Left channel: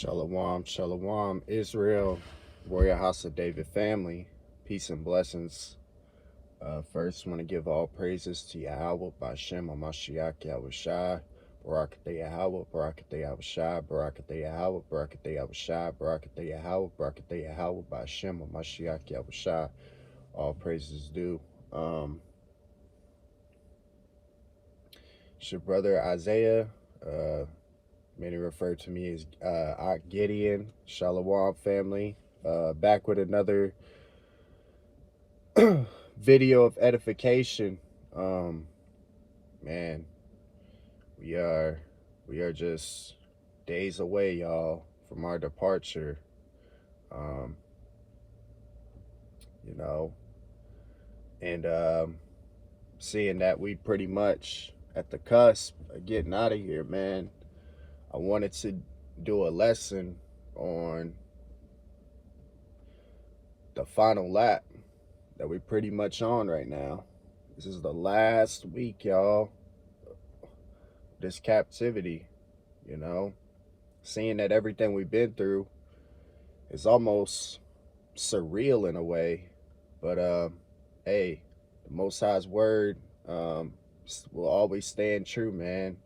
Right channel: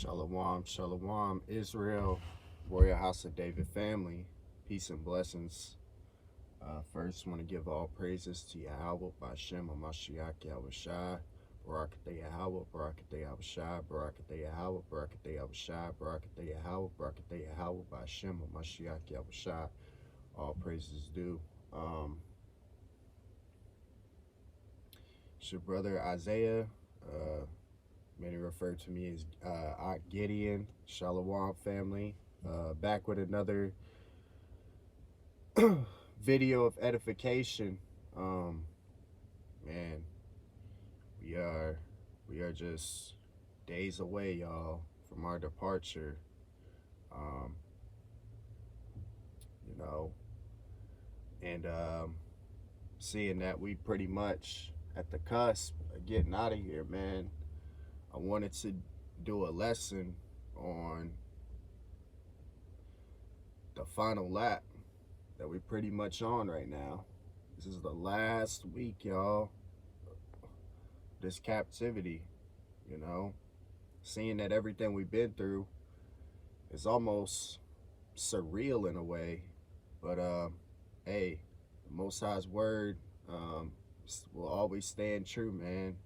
Shalom, shalom, Israel, Royal House of David family, peace and blessings. First, want to give all praises to Yahweh, Bashem, Mashiach, Yahweh Shai, Barakateh Yahweh, Barakateh Yahweh Shai, Barakateh Yahweh, Barakateh Yahweh Shai, Barakateh Yahweh, Barakateh Yahweh, Bashem, Mashiach, Yahweh Shai. All praises due. It's your brother Isaiah. Many refer to me as Gideon, Shalom family. Back with another video of edification. Man, we are just days away, y'all, from our departure. Um, you know, and seeing that we pretty much at the cusp of getting out of here, man. I wanted to do a lesson on the final lap that we're pretty much on right now. This is the last week, y'all. This captivity, seeing that everything we've been through is almost surreal in a way. But hey, the Most High's word will always stand true, man.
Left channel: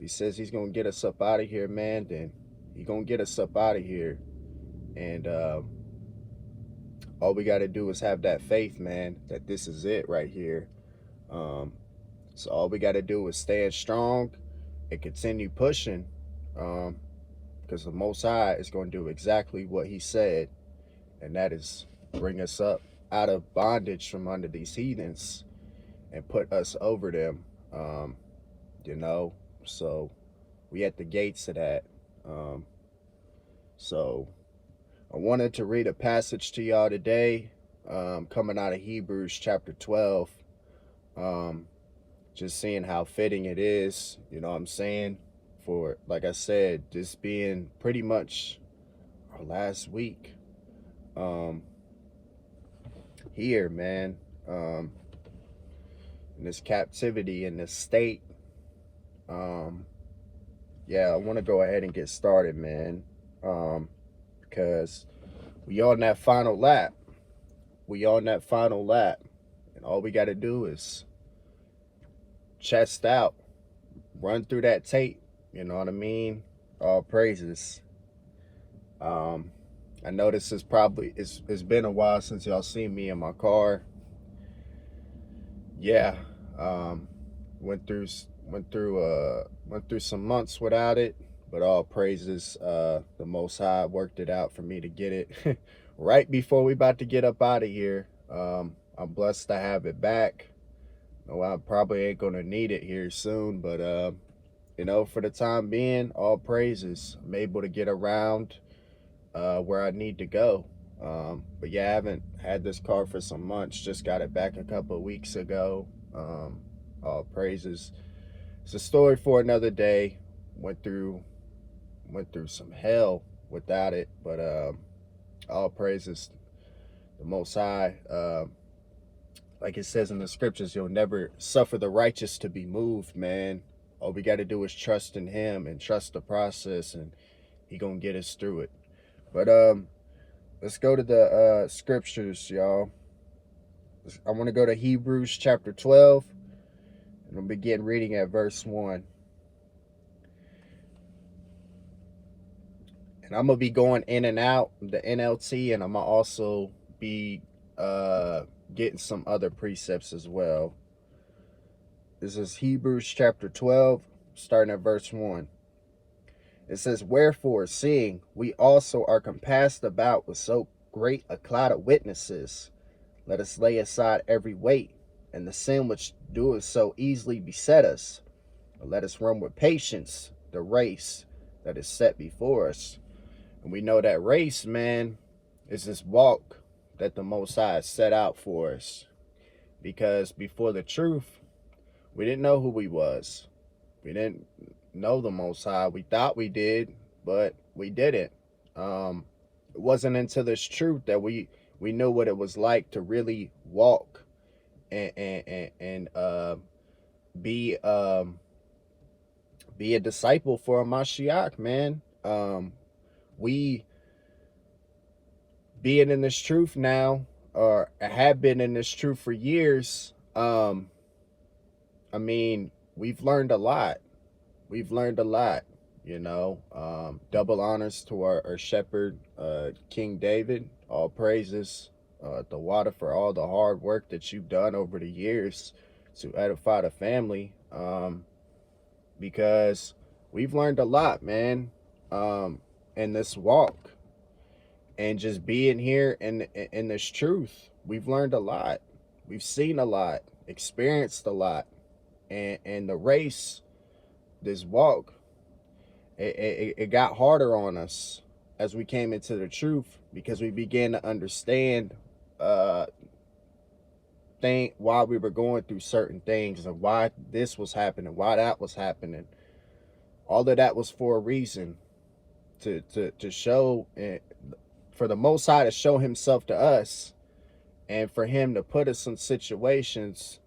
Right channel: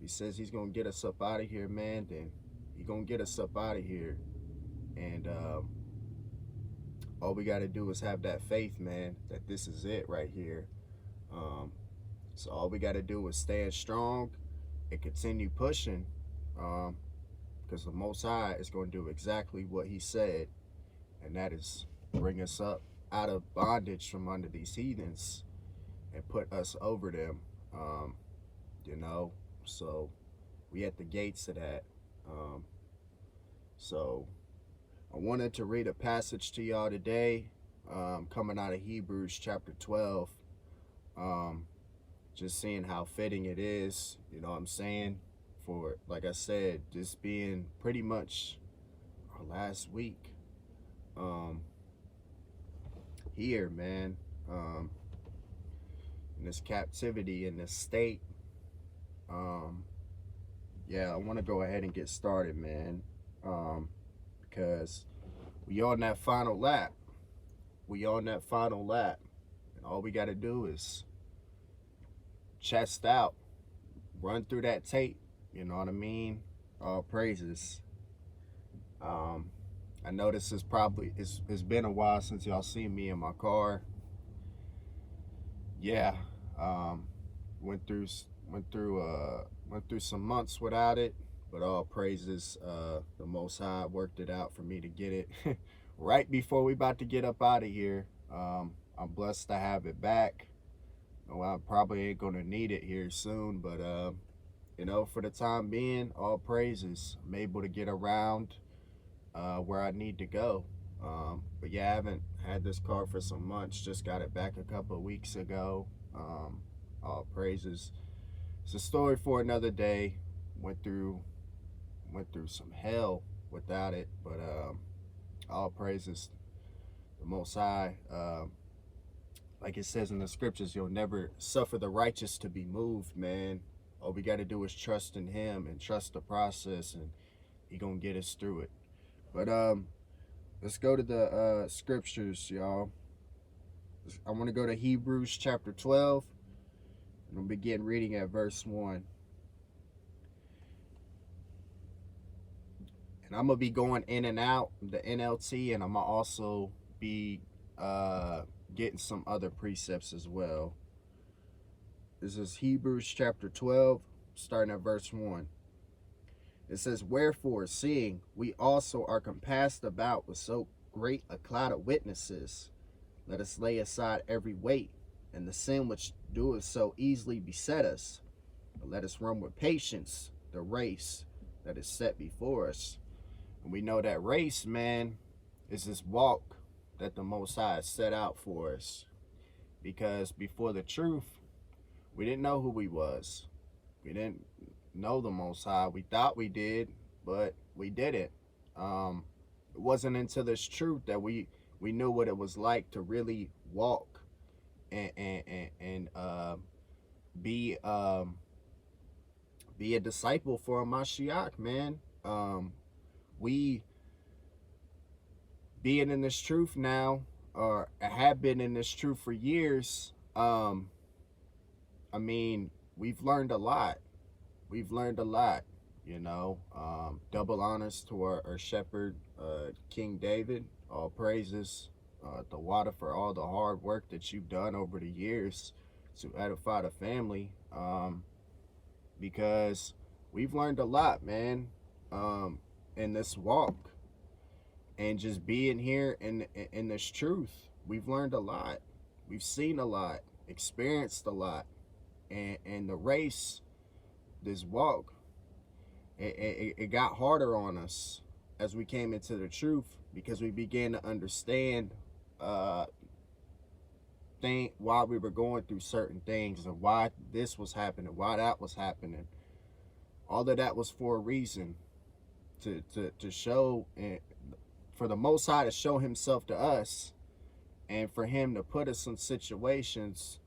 He says he's gonna get us up out of here, man. Then he's gonna get us up out of here, and all we got to do is have that faith, man, that this is it right here. So all we got to do is stand strong and continue pushing, because the Most High is going to do exactly what he said, and that is bring us up out of bondage from under these heathens and put us over them. So we at the gates of that. So I wanted to read a passage to y'all today, coming out of Hebrews chapter 12. Just seeing how fitting it is, you know what I'm saying, for, like I said, this being pretty much our last week here, man, in this captivity, in this state. Yeah, I want to go ahead and get started, man, because we on that final lap. And all we got to do is chest out, run through that tape, you know what I mean? All praises. I know this is probably, it's been a while since y'all seen me in my car. Yeah, went through some months without it, but all praises. The Most High worked it out for me to get it right before we about to get up out of here. I'm blessed to have it back. No, I probably ain't gonna need it here soon, but for the time being, all praises. I'm able to get around where I need to go. But yeah, I haven't had this car for some months. Just got it back a couple of weeks ago. All praises. It's a story for another day. Went through some hell without it, but all praises the Most High. Like it says in the scriptures, you'll never suffer the righteous to be moved, man. All we got to do is trust in him and trust the process, and he gonna get us through it. But let's go to the scriptures, y'all. I want to go to Hebrews chapter 12, and we'll begin reading at verse 1. And I'm gonna be going in and out the NLT, and I'm gonna also be getting some other precepts as well. This is Hebrews chapter 12, starting at verse 1. It says, "Wherefore, seeing we also are compassed about with so great a cloud of witnesses, let us lay aside every weight and the sin which doeth so easily beset us. But let us run with patience the race that is set before us." And we know that race, man, is this walk that the Most High set out for us. Because before the truth, we didn't know who we was. We didn't know the Most High. We thought we did, but we didn't. It wasn't until this truth that we knew what it was like to really walk and be a disciple for a Mashiach, man. we being in this truth now, or have been in this truth for years, I mean, we've learned a lot. We've learned a lot, you know. Double honors to our shepherd, King David. All praises, the water, for all the hard work that you've done over the years to edify the family. Because we've learned a lot, man, in this walk, and just being here in this truth. We've learned a lot. We've seen a lot, experienced a lot, and the race, this walk, it got harder on us as we came into the truth, because we began to understand why we were going through certain things, and why this was happening, why that was happening. All of that was for a reason, to show, for the Most High to show himself to us, and for him to put us in situations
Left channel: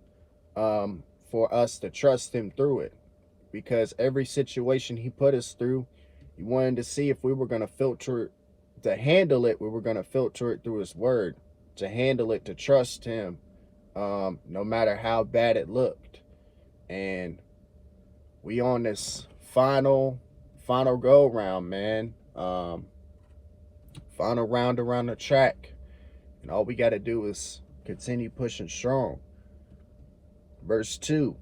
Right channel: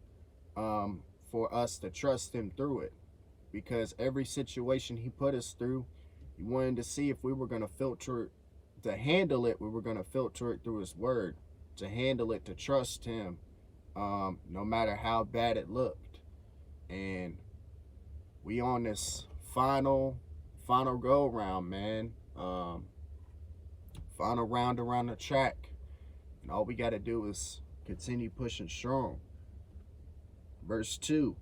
for us to trust him through it. Because every situation he put us through, he wanted to see if we were going to filter, to handle it, we were going to filter it through his word, to handle it, to trust him, no matter how bad it looked. And we on this final go round, man. Final round around the track. And all we got to do is continue pushing strong. Verse 2.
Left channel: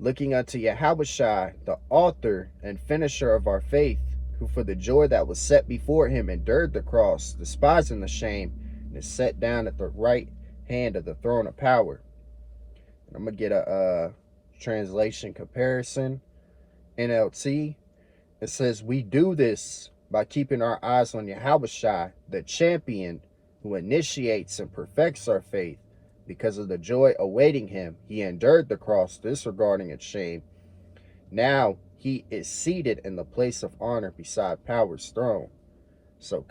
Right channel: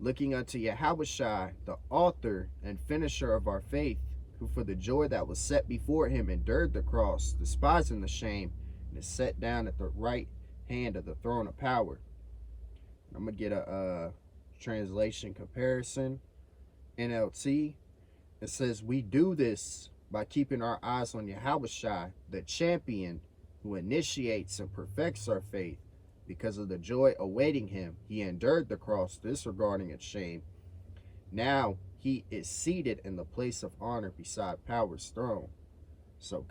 Looking unto Yahushua, the author and finisher of our faith, who for the joy that was set before him endured the cross, despising the shame, and is set down at the right hand of the throne of power. And I'm going to get a translation comparison. NLT. It says, we do this by keeping our eyes on Yahushua, the champion, who initiates and perfects our faith. Because of the joy awaiting him, he endured the cross, disregarding its shame. Now he is seated in the place of honor beside power's throne. So,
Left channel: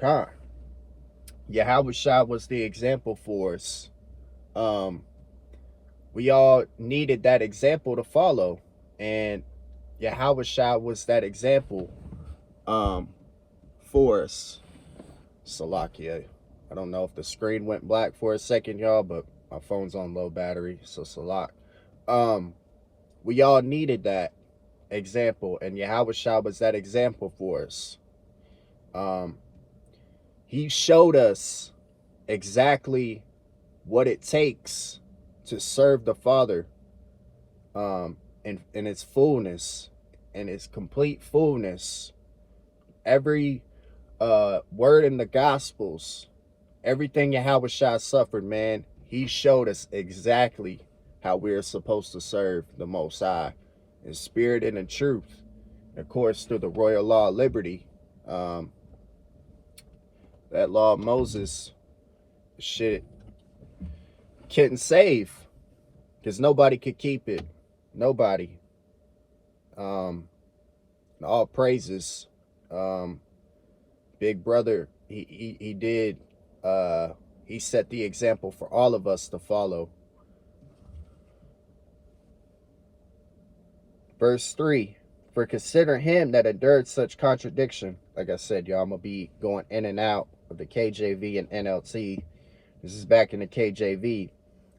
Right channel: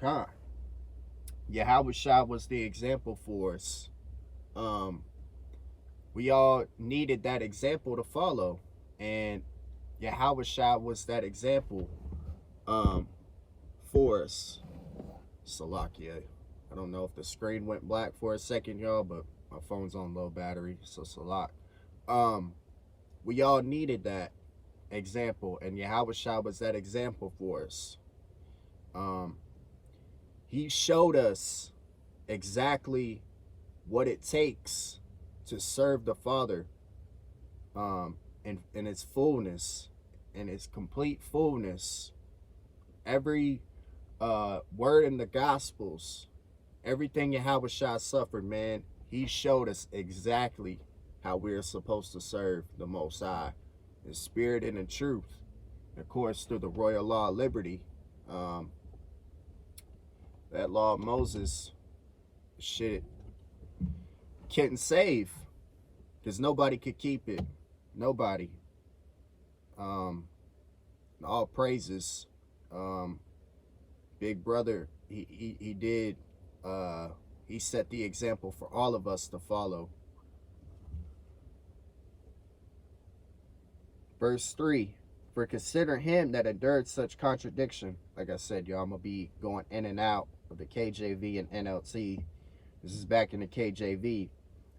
Yahushua was the example for us. We all needed that example to follow, and Yahushua was that example for us. Salakia. I don't know if the screen went black for a second, y'all, but my phone's on low battery, so Salak. We all needed that example, and Yahushua was that example for us. He showed us exactly what it takes to serve the Father in its fullness, in its complete fullness. Every word in the Gospels, everything Yahushua suffered, man, he showed us exactly how we're supposed to serve the Most High in spirit and in truth. Of course, through the royal law of liberty. That law of Moses, shit, couldn't save, because nobody could keep it. Nobody. All praises. Big brother, he did, he set the example for all of us to follow. Verse 3, for consider him that endured such contradiction. Like I said, y'all, I'm going to be going in and out of the KJV and NLT. This is back in the KJV.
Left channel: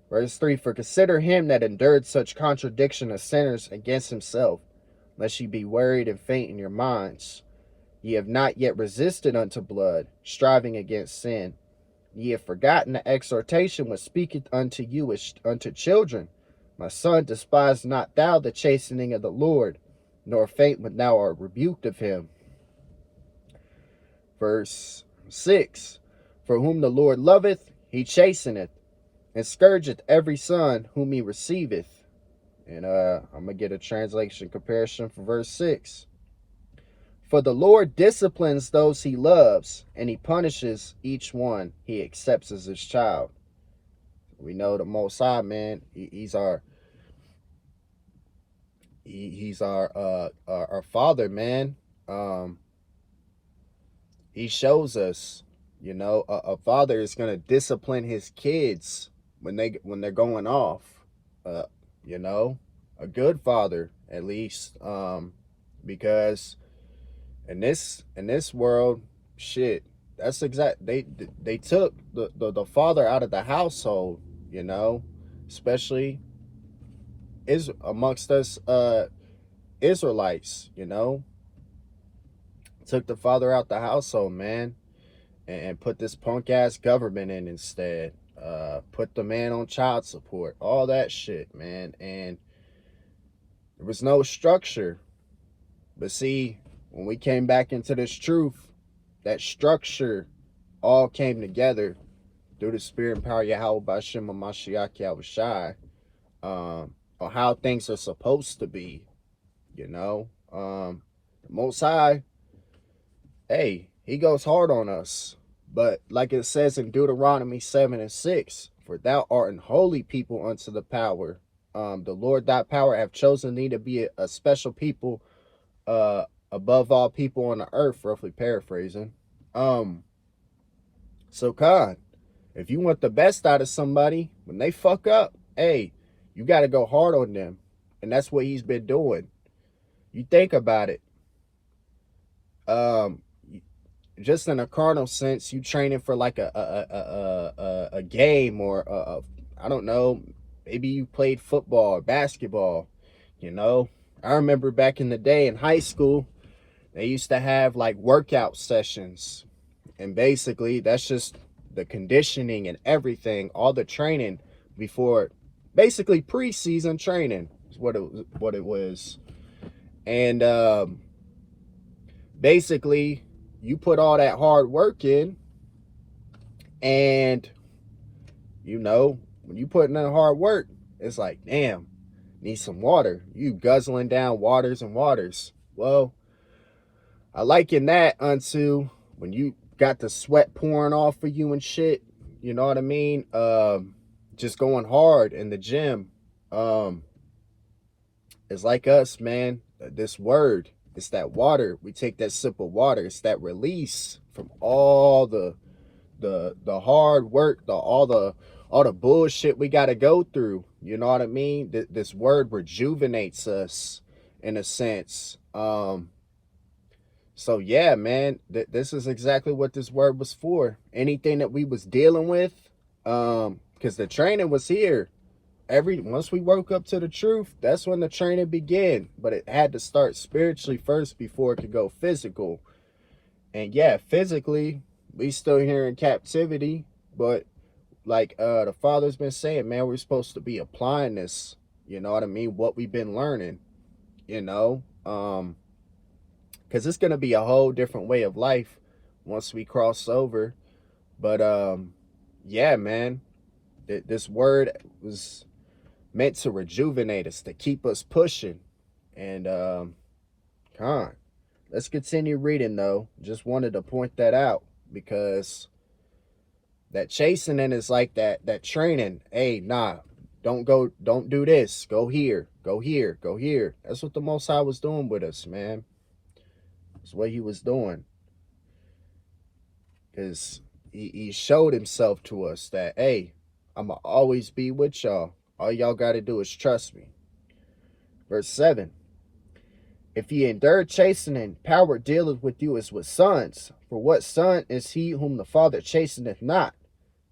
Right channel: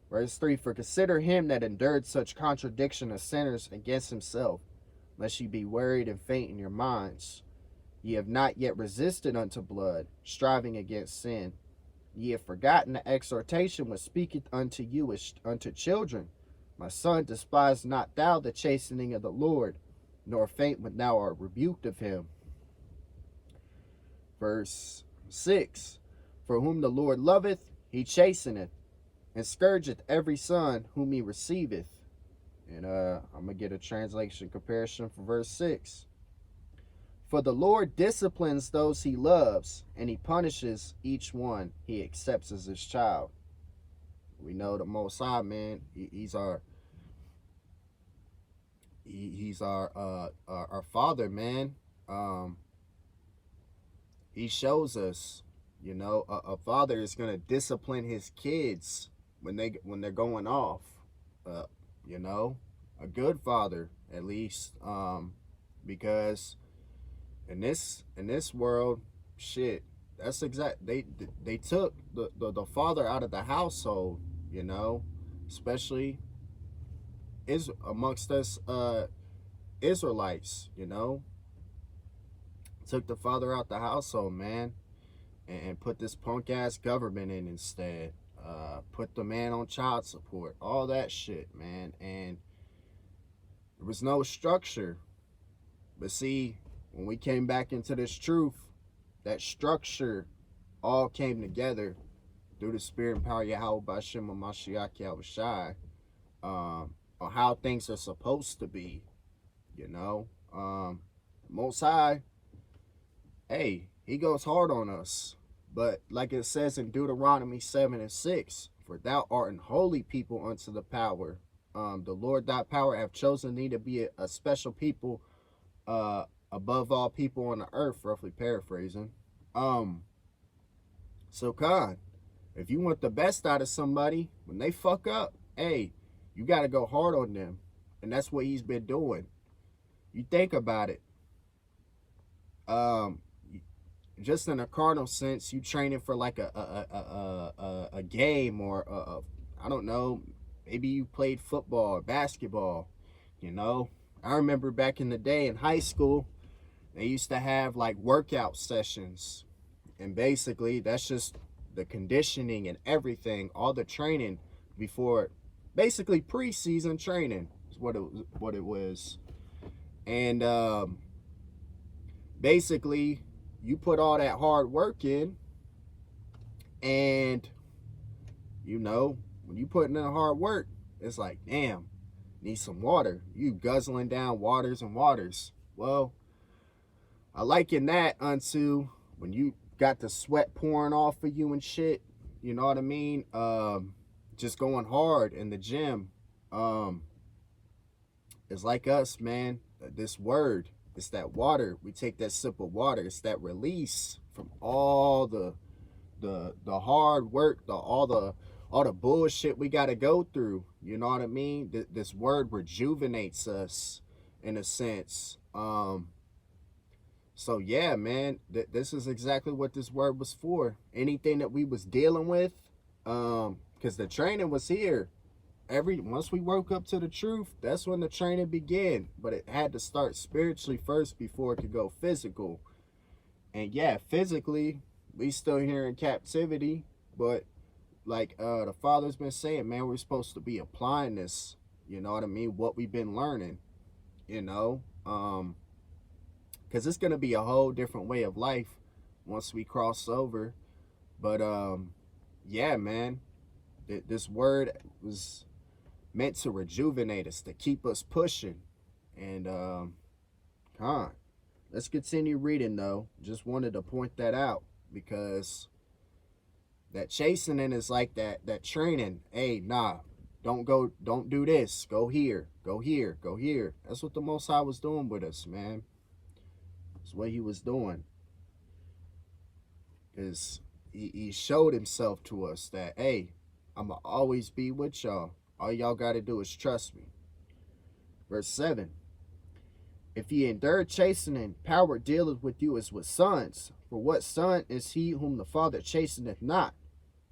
Verse 3, for consider him that endured such contradiction of sinners against himself, lest ye be worried and faint in your minds. Ye have not yet resisted unto blood, striving against sin. Ye have forgotten the exhortation which speaketh unto you as unto children. My son, despise not thou the chastening of the Lord, nor faint when thou art rebuked of him. Verse 6, for whom the Lord loveth, he chasteneth, and scourgeth every son whom he receiveth. And I'm going to get a translation comparison for verse 6. For the Lord disciplines those he loves, and he punishes each one he accepts as his child. We know the Most High, man, he's our Father, man. He shows us, you know, a father is going to discipline his kids when they're going off. You know, a good father, at least, because in this world, shit, that's exact. They took the father out of the household, you know, especially is amongst us Israelites, you know, took the father out the household, man, and put this punk ass government in instead. Put the man on child support, all that shit, man, and there was no structure. But see, when we came back into this truth, that structure all came together through the spirit and power of Yahweh Bashim Mashiach Yahushai, on how things are supposed to be, you know. The Most High, hey, he goes hard on us. But like it says in Deuteronomy 7:6, for thou art an holy people unto the power. The Lord thy power have chosen thee to be a special people above all people on the earth, roughly paraphrasing. So Khan, if you want the best out of somebody, when they fuck up, hey, you got to go hard on them. And that's what he's been doing. You think about it. Just in a carnal sense, you training for like a game, or I don't know, maybe you played football or basketball, you know. I remember back in the day in high school, they used to have like workout sessions, and basically that's just the conditioning and everything, all the training before, basically preseason training is what it was. And basically you put all that hard work in, and you know, when you put in that hard work, it's like, damn, need some water. You guzzling down waters and waters. Well, I liken that unto when you got the sweat pouring off of you and shit, you know what I mean? Just going hard in the gym. It's like us, man. This word, it's that water. We take that sip of water. It's that release from all the hard work, all the bullshit we got to go through. You know what I mean? This word rejuvenates us in a sense. So yeah, man, this is exactly what this word was for. Anything that we was dealing with, because the training was here. Once we woke up to the truth, that's when the training began. But it had to start spiritually first before it could go physical. And yeah, physically, we still here in captivity. But like the Father's been saying, man, we're supposed to be applying this. You know what I mean? What we've been learning. You know, because it's gonna be a whole different way of life once we cross over. But yeah, man, this word was meant to rejuvenate us, to keep us pushing. And let's continue reading though. Just wanted to point that out, because that chastening is like that training. Hey, nah, don't do this. Go here, go here, go here. That's what the Most High was doing with us, man. That's what he was doing. Because he showed himself to us that, hey, I'ma always be with y'all. All y'all got to do is trust me. Verse 7. If ye endure chastening, power dealeth with you as with sons. For what son is he whom the Father chasteneth not?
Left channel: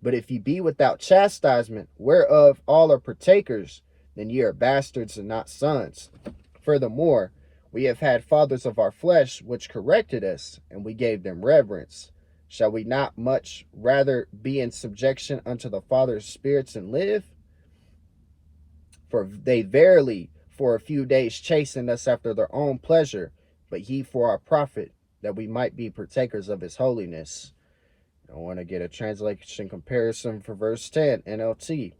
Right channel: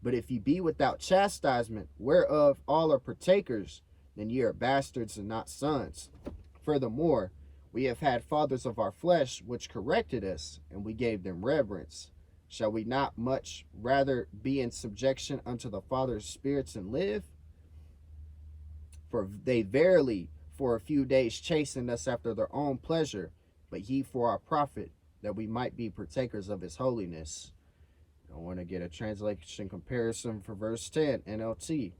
But if ye be without chastisement, whereof all are partakers, then ye are bastards and not sons. Furthermore, we have had fathers of our flesh which corrected us, and we gave them reverence. Shall we not much rather be in subjection unto the Father's spirits and live? For they verily for a few days chastened us after their own pleasure, but ye for our profit, that we might be partakers of his holiness. I want to get a translation comparison for verse 10, NLT.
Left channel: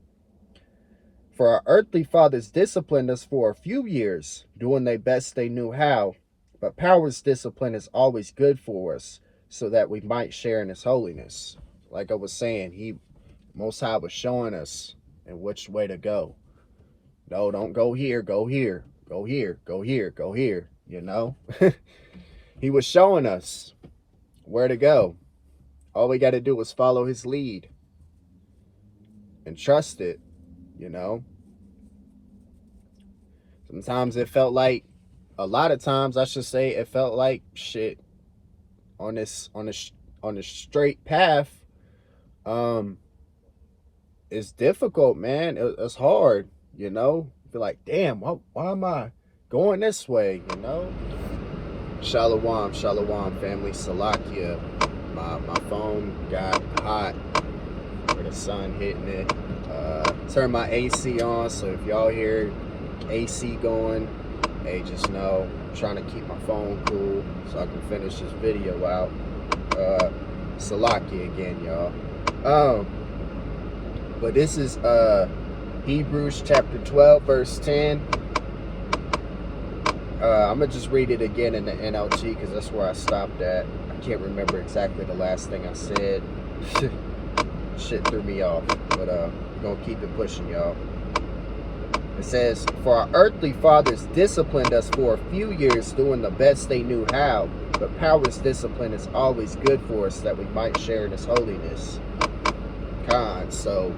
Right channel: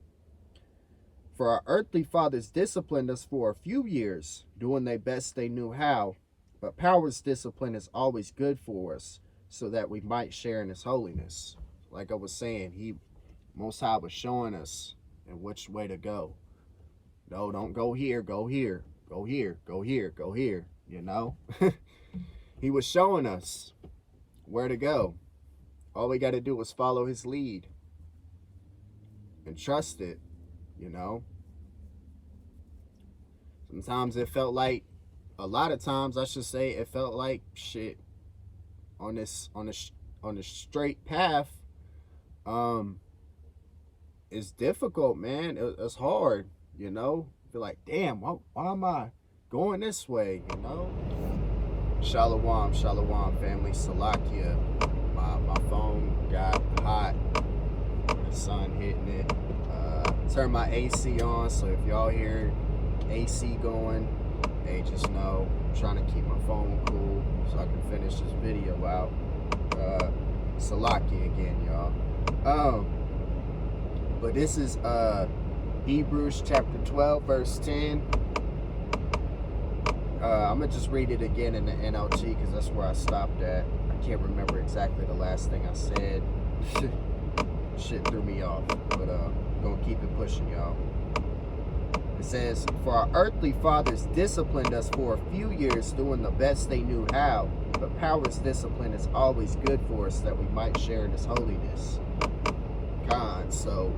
For our earthly fathers disciplined us for a few years, doing their best they knew how, but power's discipline is always good for us, so that we might share in his holiness. Like I was saying, Most High was showing us in which way to go. No, don't go here, go here, go here, go here, go here, you know? He was showing us where to go. All we got to do is follow his lead and trust it, you know? Sometimes it felt like, a lot of times I should say, it felt like shit on this on the straight path, it's difficult, man. It's hard, you know. Feel like, damn, why am I going this way, you know? Shalom, shalom, family. Salakia. My phone got hot with the sun hitting it. Turn my AC on, so if y'all hear AC going, hey, just know I'm trying to keep my phone cool so I can finish this video out. Salakia again, y'all. But this is Hebrews chapter 12, verse 10. I'm going to just read it again in the NLT because that's where I stopped at. I can't remember exactly the last thing I said. Shit threw me off. But going to keep it pushing, y'all. It says, "For our earthly fathers disciplined us for a few years doing the best they knew how. But power's discipline is always good for us that we might share in His holiness." So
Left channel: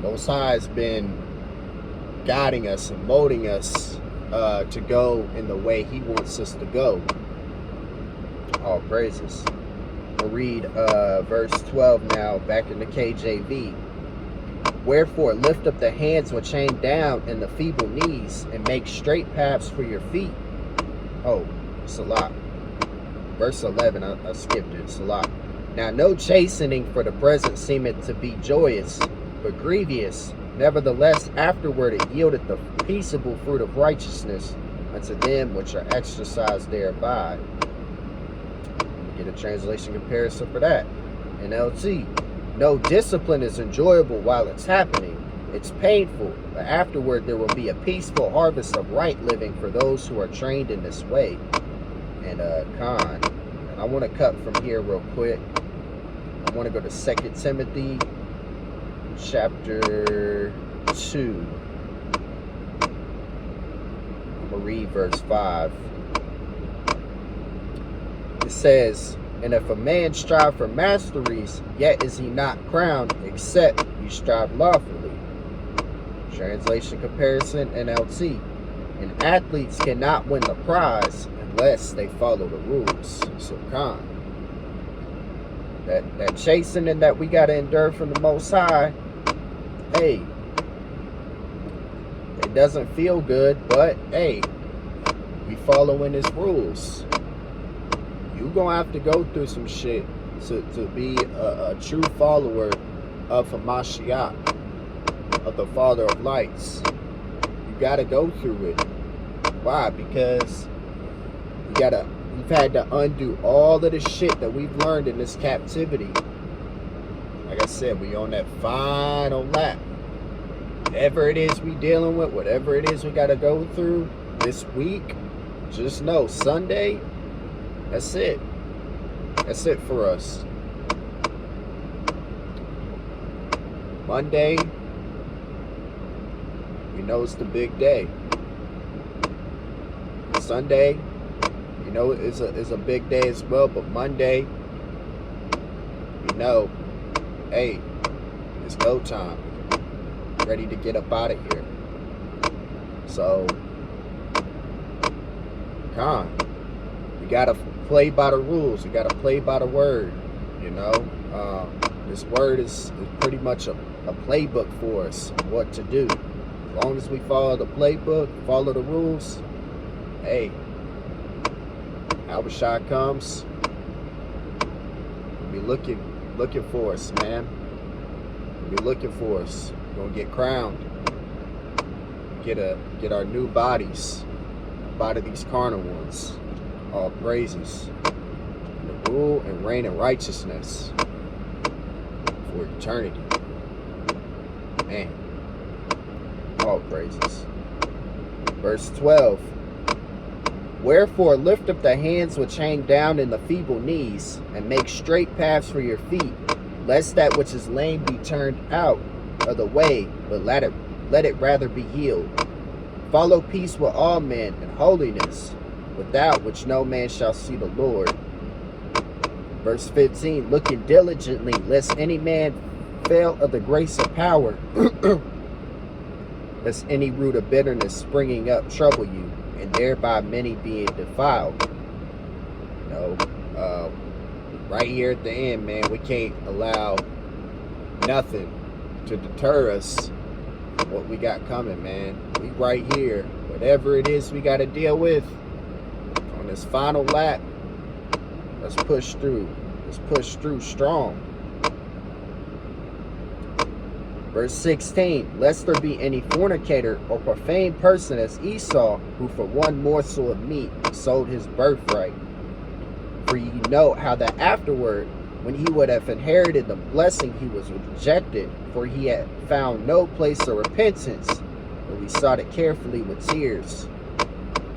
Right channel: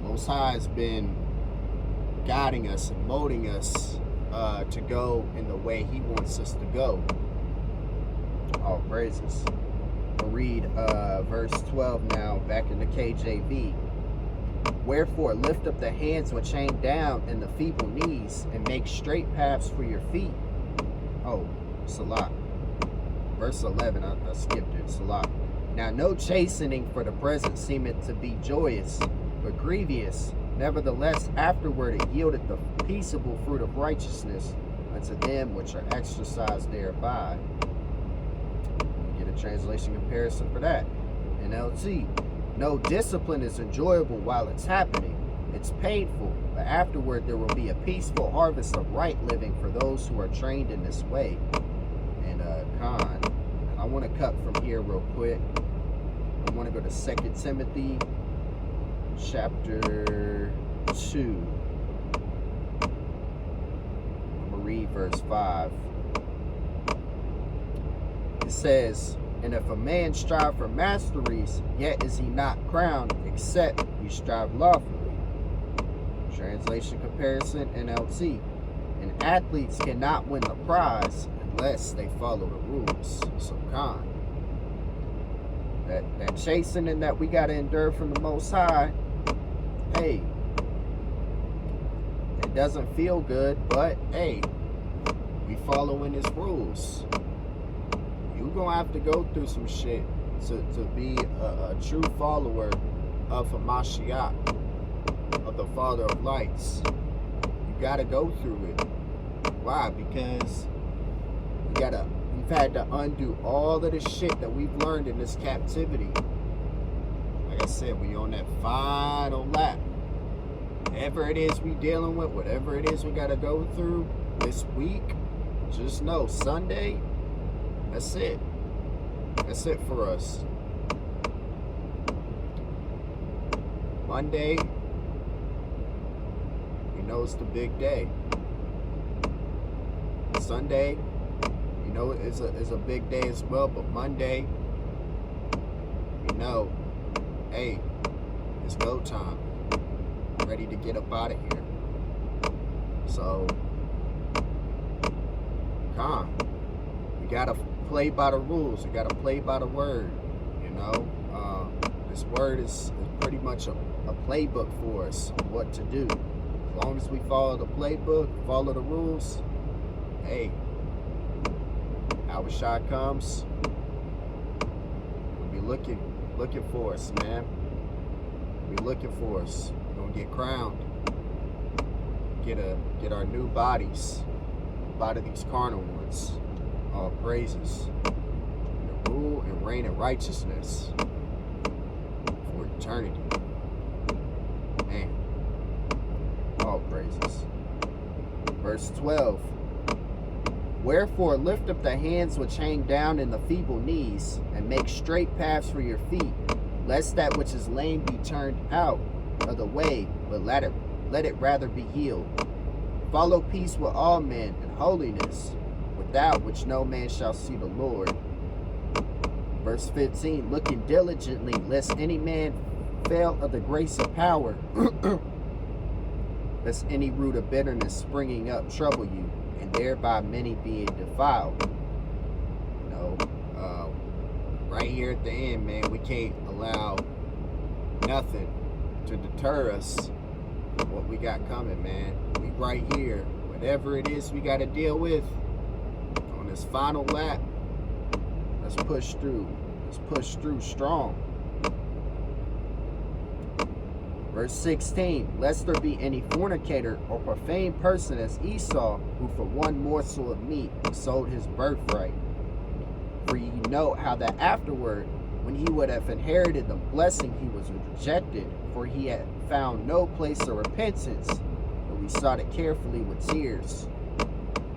Most High has been guiding us and molding us to go in the way He wants us to go. All praises. I'll read verse 12 now, back in the KJV. "Wherefore lift up the hands which hang down and the feeble knees, and make straight paths for your feet." Oh, Salah. Verse 11, I skipped it. Salah. "Now no chastening for the present seemeth to be joyous, but grievous. Nevertheless, afterward it yieldeth the peaceable fruit of righteousness unto them which are exercised thereby." Let me get a translation comparison for that. NLT. "No discipline is enjoyable while it's happening. It's painful, but afterward there will be a peaceful harvest of right living for those who are trained in this way." And and I want to cut from here real quick. I want to go to 2 Timothy chapter 2. I'm going to read verse 5. It says, "And if a man strive for masteries, yet is he not crowned, except he strive lawfully." Translation comparison, NLT. "And athletes cannot win the prize unless they follow the rules." So that chastening that we got to endure from the Most High, hey, it doesn't feel good, but hey, we following His rules. You gonna have to go through some shit to be a true follower of Hamashiach, of the Father of Lights. You gotta go through it. Why? Because we've had to undo all of the shit that we've learned in this captivity. Like I said, we on that final lap. Whatever it is we dealing with, whatever it is we gotta go through this week, just know Sunday, that's it. That's it for us. Monday, we know it's the big day. Sunday, you know, it's a big day as well, but Monday, you know, hey, it's go time. Ready to get up out of here. So, we gotta play by the rules. We gotta play by the word. You know, this word is pretty much a playbook for us, what to do. As long as we follow the playbook, follow the rules, hey, Abishai comes, we'll be looking for us, man. We'll be looking for us. We're gonna get crowned. Get our new bodies up out of these carnal ones. All praises. And the rule and reign in righteousness for eternity. Man. All praises. Verse 12. "Wherefore lift up the hands which hang down and the feeble knees, and make straight paths for your feet, lest that which is lame be turned out of the way, but let it rather be healed. Follow peace with all men and holiness, without which no man shall see the Lord." Verse 15, "Looking diligently, lest any man fail of the grace of power, lest any root of bitterness springing up trouble you, and thereby many being defiled." You know, right here at the end, man, we can't allow nothing to deter us from what we got coming, man. We right here. Whatever it is we got to deal with on this final lap, let's push through. Let's push through strong. Verse 16, lest there be any fornicator or profane person as Esau, who for one morsel of meat sold his birthright. For ye know how that afterward, when he would have inherited the blessing, he was rejected, for he had found no place of repentance, but we sought it carefully with tears.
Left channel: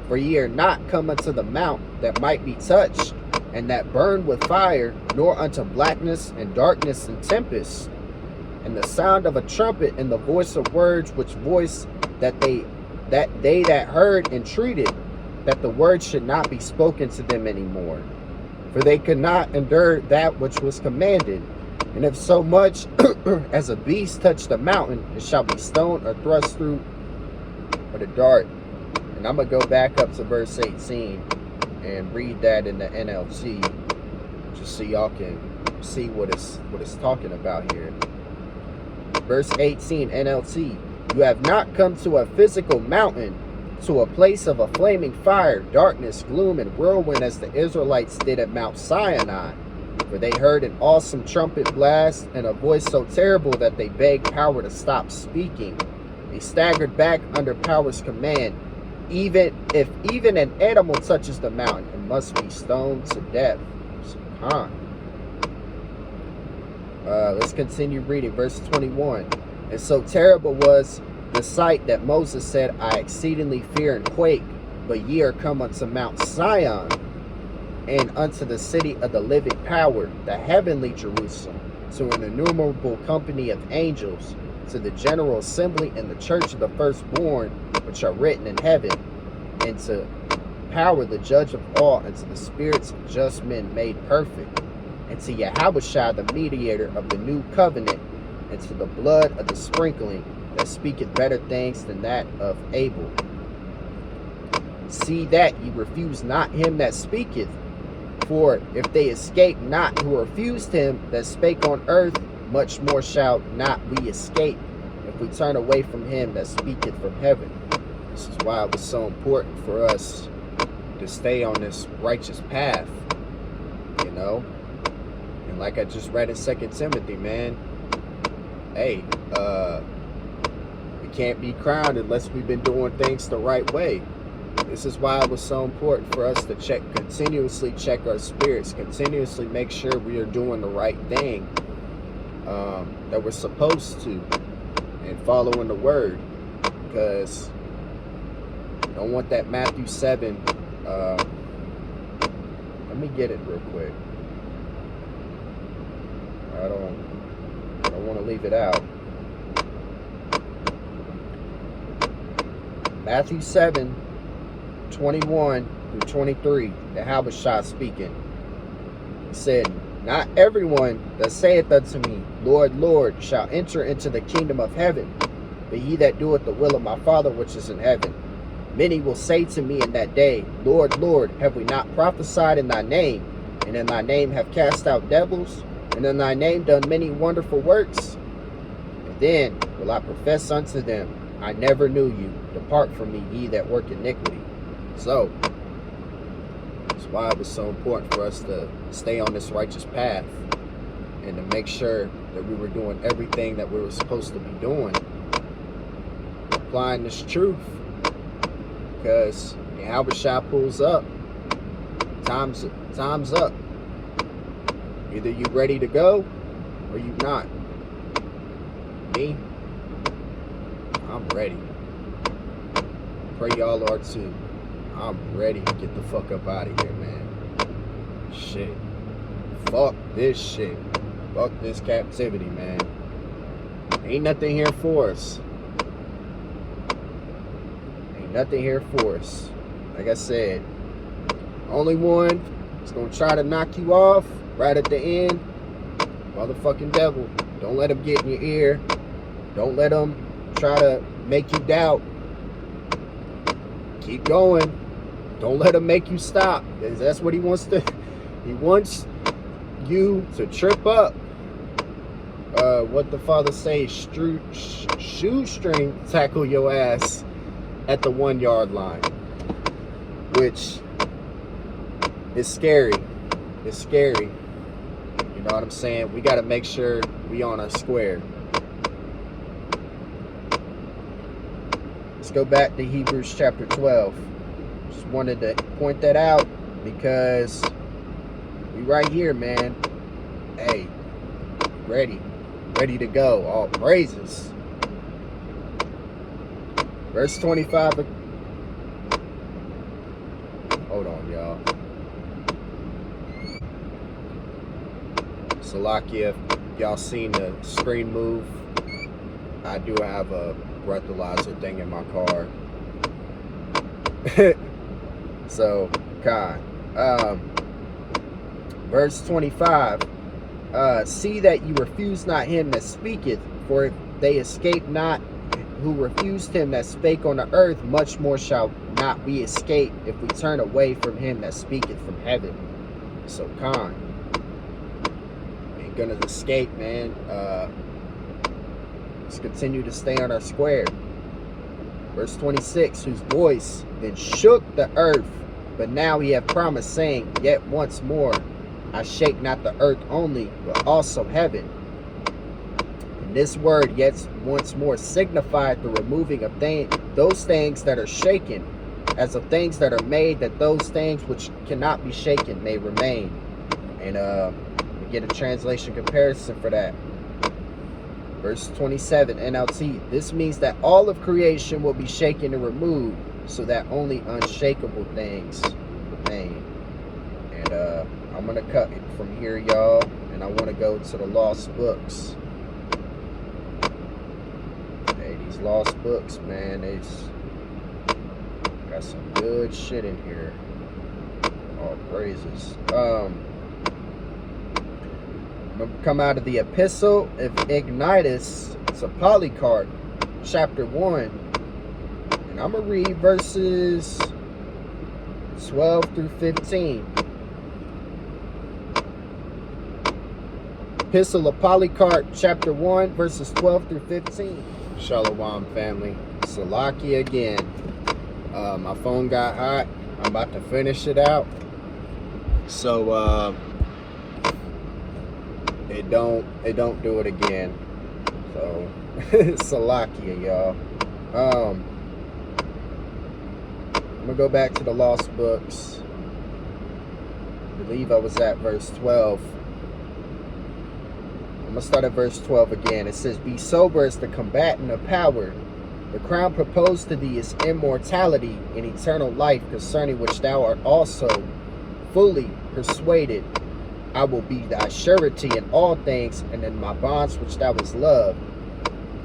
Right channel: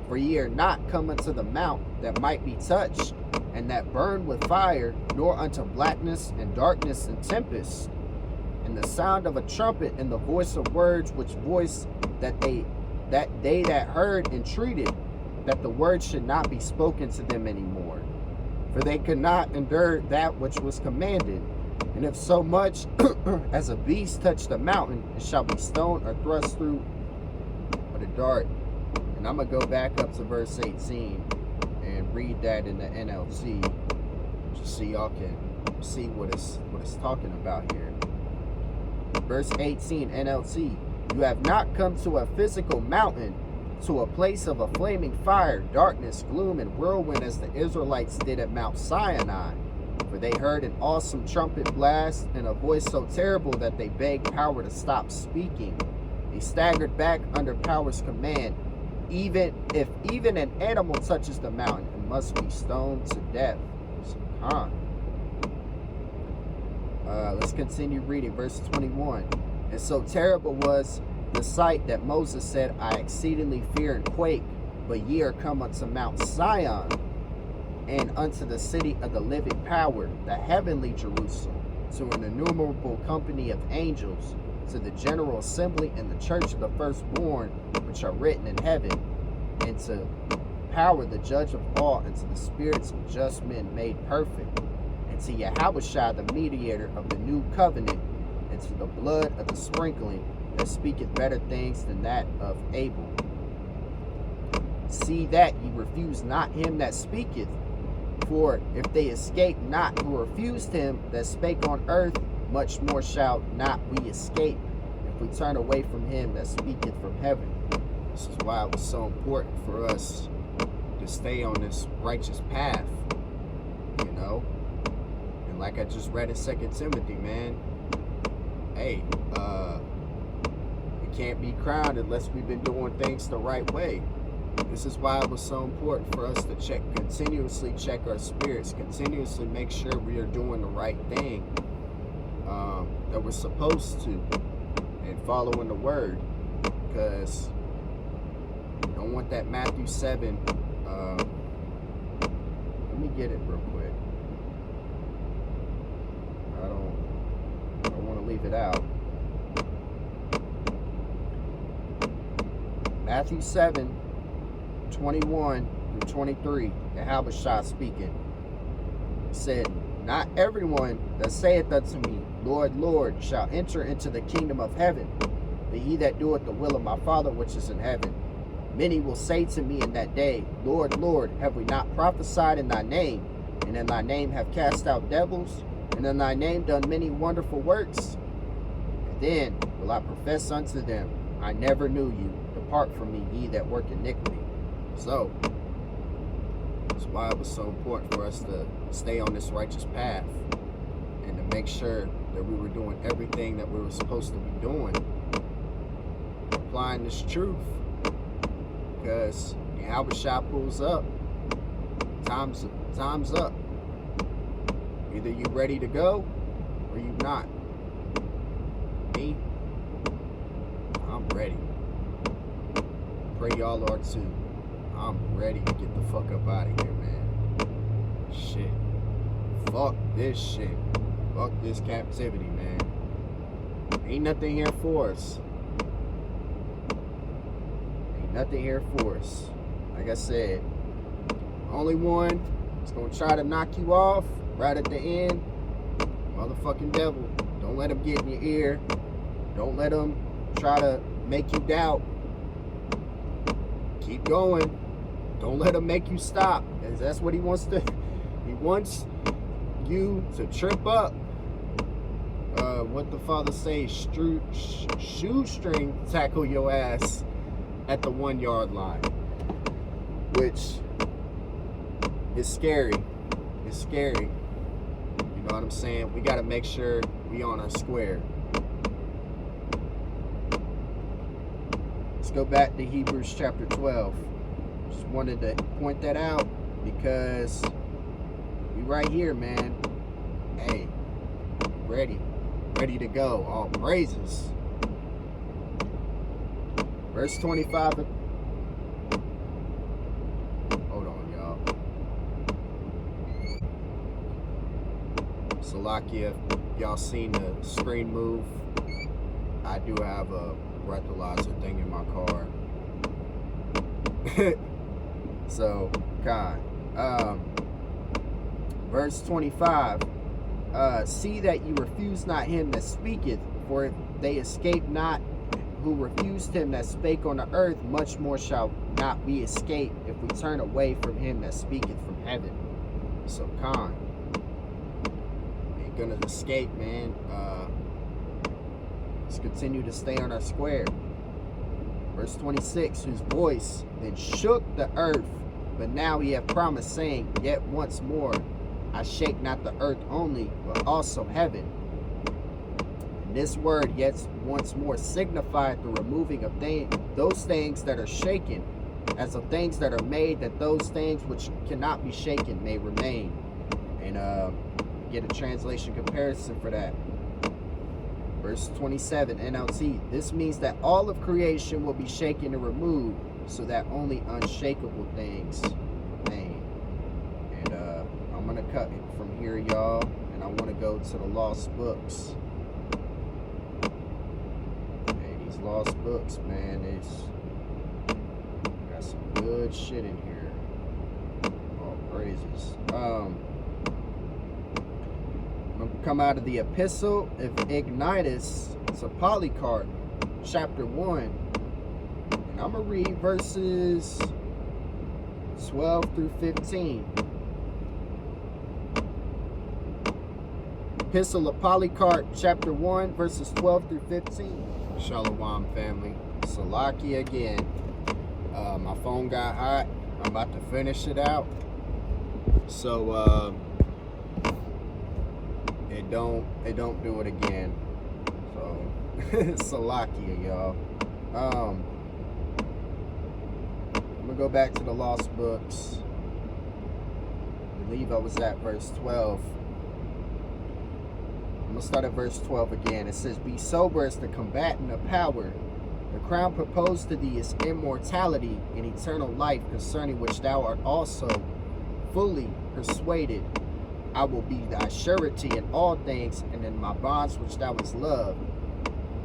For ye are not come unto the mount that might be touched, and that burned with fire, nor unto blackness and darkness and tempest, and the sound of a trumpet, and the voice of words, which voice that they that heard entreated that the word should not be spoken to them any more. For they could not endure that which was commanded. And if so much as a beast touch the mountain, it shall be stoned or thrust through with a dart. And I'm going to go back up to verse 18 and read that in the NLT, just so y'all can see what it's talking about here. Verse 18, NLT. You have not come to a physical mountain, to a place of a flaming fire, darkness, gloom, and whirlwind, as the Israelites did at Mount Sinai. For they heard an awesome trumpet blast and a voice so terrible that they begged power to stop speaking. They staggered back under power's command. Even an animal touches the mountain, it must be stoned to death. Let's continue reading verse 21. And so terrible was the sight that Moses said, I exceedingly fear and quake. But ye are come unto Mount Sion, and unto the city of the living power, the heavenly Jerusalem, to an innumerable company of angels, to the general assembly and the church of the firstborn, which are written in heaven, and to power the judge of all, and to the spirits of just men made perfect, and to Yahushua, the mediator of the new covenant, and to the blood of the sprinkling, that speaketh better things than that of Abel. See that ye refuse not him that speaketh. For if they escape not who refused him that spake on earth, much more shall not we escape, if we turn away from him that speaketh from heaven. This is why it was so important for us to stay on this righteous path, you know. And like I just read in 2 Timothy, man, hey, we can't be crowned unless we've been doing things the right way. This is why it was so important for us to continuously check our spirits, continuously make sure we are doing the right thing that we're supposed to, and following the word, because you don't want that Matthew 7. Let me get it real quick. I don't want to leave it out. Matthew 7, 21 through 23, the Yahushua speaking. He said, not everyone that saith unto me, Lord, Lord, shall enter into the kingdom of heaven, but he that doeth the will of my Father which is in heaven. Many will say to me in that day, Lord, Lord, have we not prophesied in thy name, and in thy name have cast out devils, and in thy name done many wonderful works? And then will I profess unto them, I never knew you. Depart from me, ye that work iniquity. So, that's why it was so important for us to stay on this righteous path, and to make sure that we were doing everything that we were supposed to be doing, applying this truth. Because Yahushua pulls up, time's up. Either you ready to go or you not. Me, I'm ready. Pray y'all are too. I'm ready to get the fuck up out of here, man. Shit. Fuck this shit. Fuck this captivity, man. Ain't nothing here for us. Ain't nothing here for us. Like I said, only one is gonna try to knock you off right at the end. Motherfucking devil. Don't let him get in your ear. Don't let him try to make you doubt. Keep going. Don't let him make you stop. That's what he wants to. He wants you to trip up. What the Father say, shoestring tackle your ass at the 1 yard line, which is scary. It's scary. You know what I'm saying? We got to make sure we on our square. Let's go back to Hebrews chapter 12. Just wanted to point that out because we right here, man. Hey, ready to go. All praises. Verse 25. Hold on, y'all. Salakia, if y'all seen the screen move, I do have a breathalyzer thing in my car. So, verse 25. See that you refuse not him that speaketh, for if they escape not who refused him that spake on the earth, much more shall not we escape if we turn away from him that speaketh from heaven. So ain't gonna escape, man. Let's continue to stay on our square. Verse 26, whose voice then shook the earth, but now he hath promised, saying, yet once more I shake not the earth only, but also heaven. And this word, yet once more, signified the removing of those things that are shaken, as of things that are made, that those things which cannot be shaken may remain. And we get a translation comparison for that. Verse 27, NLT. This means that all of creation will be shaken and removed, so that only unshakable things remain. And I'm gonna cut it from here, y'all, and I want to go to the lost books. Hey, these lost books, man, they's got some good shit in here. All praises. I'm gonna come out of the epistle of Ignitus to Polycarp, chapter 1, and I'm gonna read verses 12 through 15. Epistle of Polycarp, chapter 1, verses 12 through 15. Shalom, family. Salaki again. My phone got hot. I'm about to finish it out. So, it don't do it again. So, Salakia, y'all. I'm gonna go back to the lost books. I believe I was at verse 12. I'm going to start at verse 12 again. It says, be sober as the combatant of power. The crown proposed to thee is immortality and eternal life, concerning which thou art also fully persuaded. I will be thy surety in all things, and in my bonds which thou hast loved.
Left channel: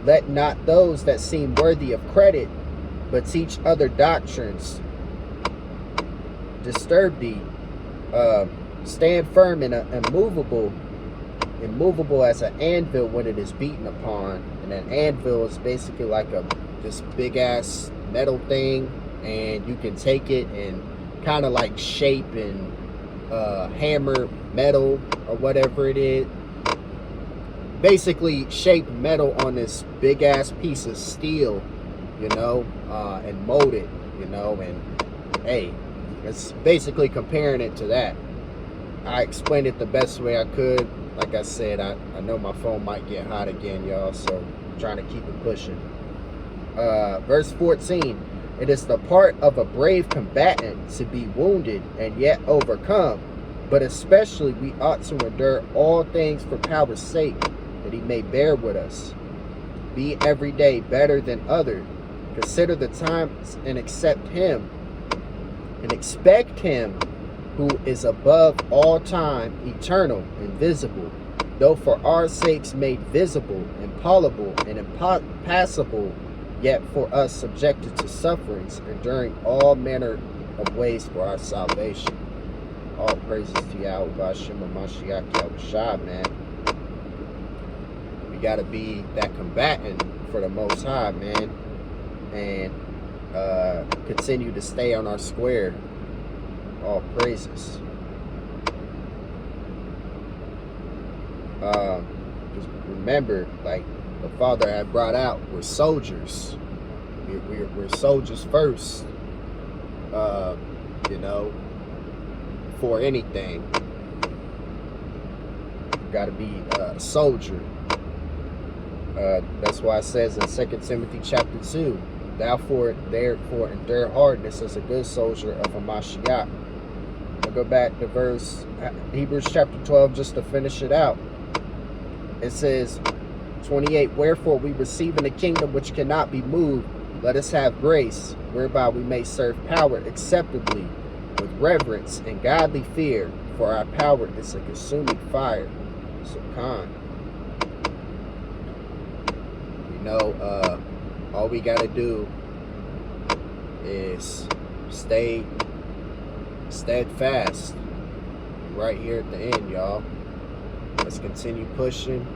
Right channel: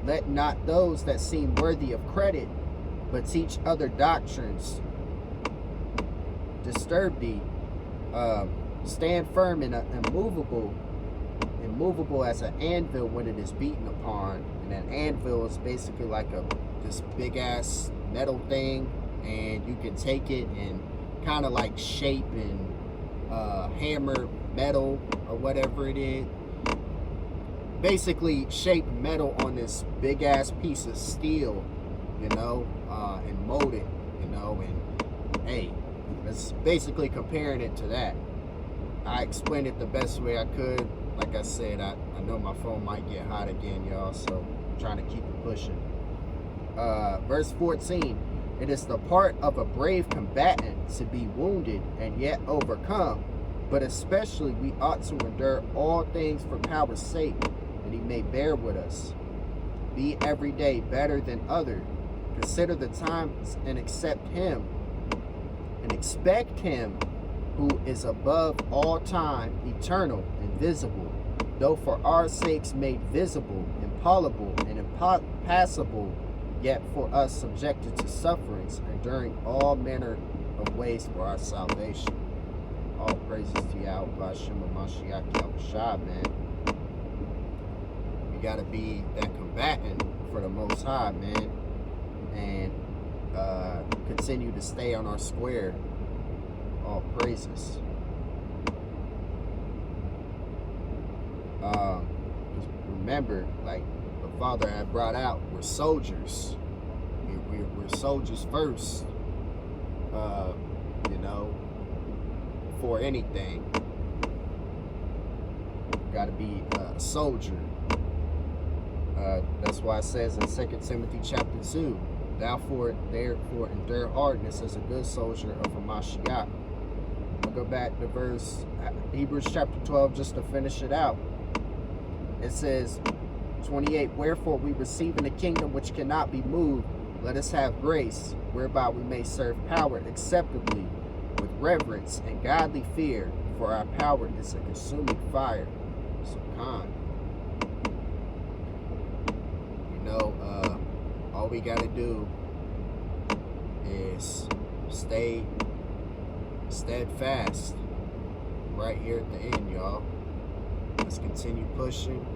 Let not those that seem worthy of credit, but teach other doctrines, disturb thee. Stand firm and immovable as an anvil when it is beaten upon. And an anvil is basically like this big ass metal thing, and you can take it and kind of like shape and hammer metal or whatever it is. Basically shape metal on this big ass piece of steel, you know, and mold it, you know. And hey, it's basically comparing it to that. I explained it the best way I could. Like I said, I know my phone might get hot again, y'all, so I'm trying to keep it pushing. Verse 14, it is the part of a brave combatant to be wounded and yet overcome, but especially we ought to endure all things for power's sake, that he may bear with us. Be every day better than other. Consider the times and expect him who is above all time, eternal, invisible, though for our sakes made visible, impalpable, and impassable, yet for us subjected to sufferings, enduring all manner of ways for our salvation. All praises to Yahweh Shema Mashiach Yahushua, man. We gotta be that combatant for the Most High, man, and continue to stay on our square. All praises. Because remember, like the Father had brought out, we're soldiers. We're soldiers first. You know, for anything, you got to be a soldier. That's why it says in 2 Timothy chapter 2, therefore endure hardness as a good soldier of a Mashiach. I'll go back to verse Hebrews chapter 12 just to finish it out. It says 28, wherefore we receive in the kingdom which cannot be moved, let us have grace, whereby we may serve power acceptably with reverence and godly fear, for our power is a consuming fire. So you know, all we got to do is stay steadfast right here at the end, y'all. Let's continue pushing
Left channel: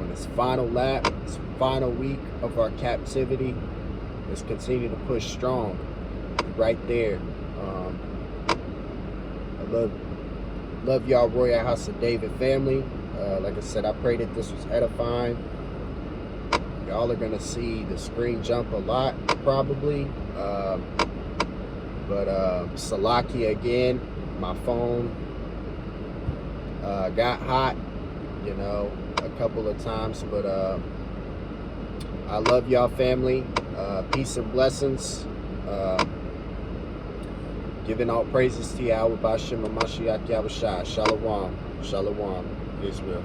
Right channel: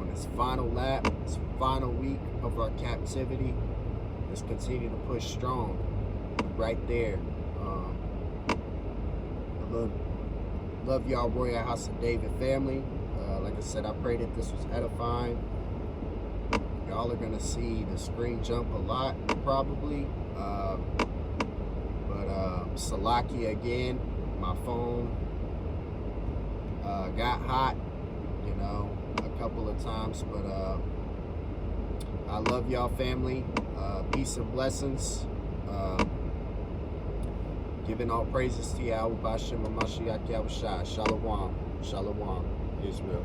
on this final lap, this final week of our captivity. Let's continue to push strong right there. I love y'all, Royal House of David family. Like I said, I pray that this was edifying. Y'all are gonna see the screen jump a lot probably, but Salakia again, my phone got hot, you know, a couple of times, but I love y'all family. Peace and blessings. Giving all praises to Yahweh B'Shem Mashiach Yahushua. Shalom. Shalom. Israel.